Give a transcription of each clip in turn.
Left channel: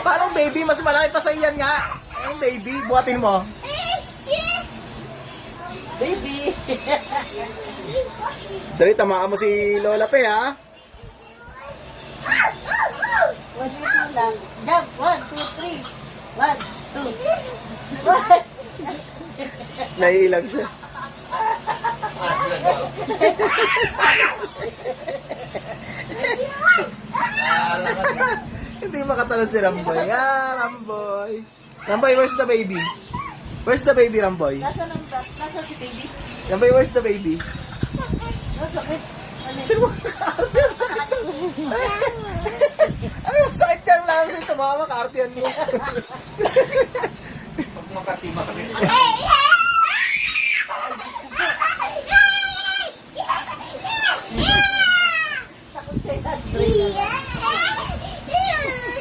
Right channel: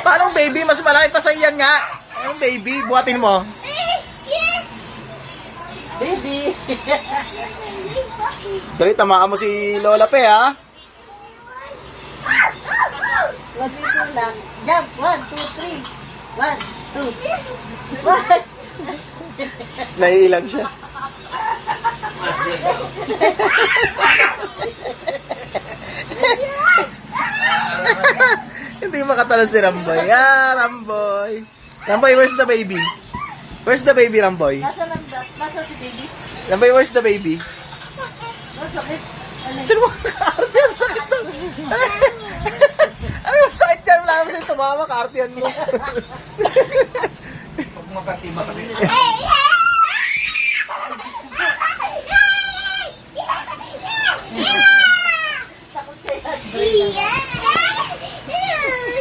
Parang baby, mas malaki pa sa iyan nga. Ayun baby, buhatin mo. Baby. Dali, tamaan mo si Lola Pe, ha? 1, 2 lang. Jump. 1, 2, 3. 1, 2. Naiilang siya. Hindi makatalon si Ramboy. Ramboy. Ramboy, where's the baby? Where's the baby, Ramboy? Nasa lambat. Nasa si baby. Ramboy, where's the baby? Masakit. Tignan mo, kaartiyan, sakit na. Ano yung sakit yan? Wala naman sa'yo tumawa, kaartiyan mo. Huwag makati, masakit. Takot kay Andrea.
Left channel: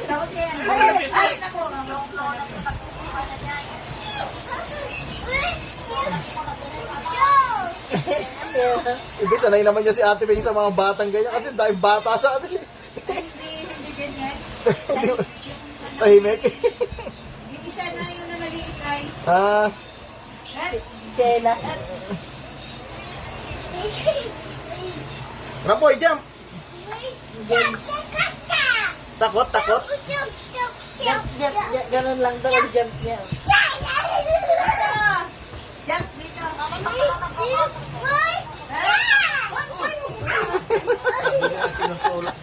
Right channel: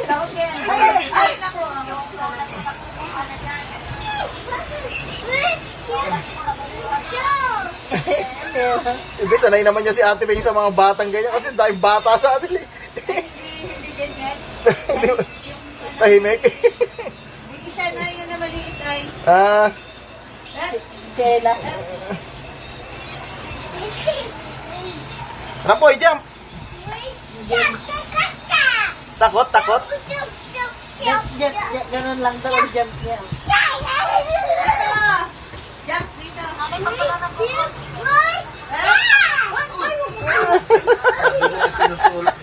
Takot kay Andrea. Ay, naku. Hindi, sanay naman niya si Ate Beng sa mga batang ganyan kasi dahil bata sa atin. Hindi ganyan. Hindi, tahimik. Yung isa na yun na maliit ay. Ah, Sela. Ramboy, jump! Takot, takot. Jump. Ganun lang daw ang jump niya. Jump dito. Tinutulak